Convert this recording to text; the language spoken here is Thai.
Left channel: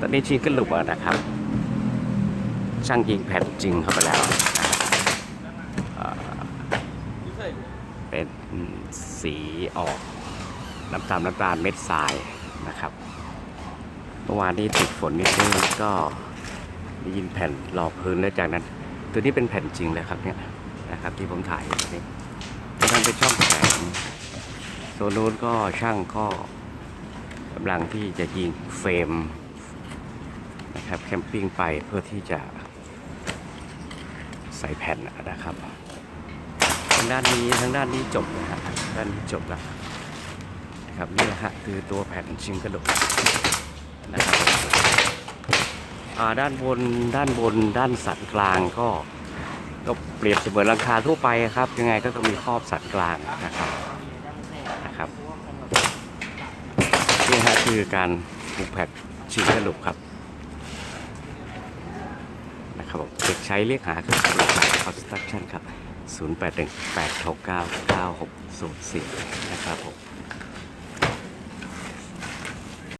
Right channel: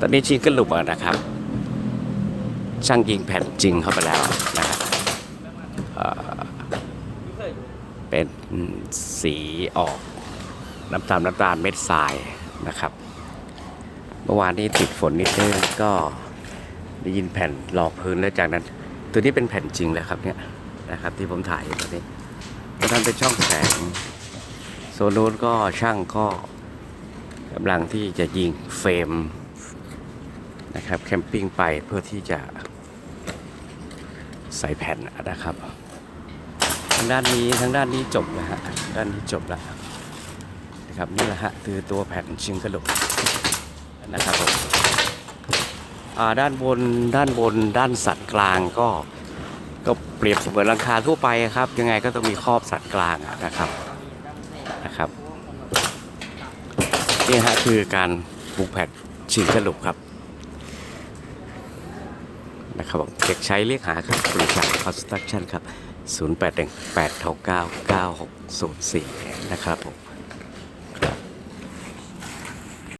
ตอนนี้ชี้ขึ้นหลุมแล้วนะครับ ช่างยิงแผ่นจริงเข้าไปแล้วนะครับเอ่อเป็นสีออกน้ำตาลน้ำตาลเม็ดทรายนะครับ เมื่อวานนี้ติดฝนนิดนึงก็ได้ยินแผ่นรองพื้นแล้วจากนั้น ตัวนี้เป็นแผ่นจริงเลยครับเนี่ยนะครับที่ผมถ่ายตอนนี้ตรงนั้นเป็นช่องแข็งโซนนู้นก็ช่างก็กำลังที่จะยิงเฟรม นะครับแคมปิ้งไปเพื่อที่จะใส่แผ่นนะครับ ทางด้านนี้ทางด้านนี้จบนะฮะด้านนี้จบแล้วนะครับนี่แหละฮะคือตัวแผ่นชิงกระดูกนะครับอ่าด้านบนด้านบนด้านสันกลางก็ก็เปรียบเสมือนหลังคาทั่วไปครับ ยังไงก็ต้องมีครอบสันกลางนะครับนะครับนี่ฮะคือการปูแผ่นชิงกระดูกครับ นะครับผมเด็กใช้เรียกหาครับบริษัทคอนสตรักชั่นครับ 0 8 1 8 6 9 9 6 0 4 นะครับผม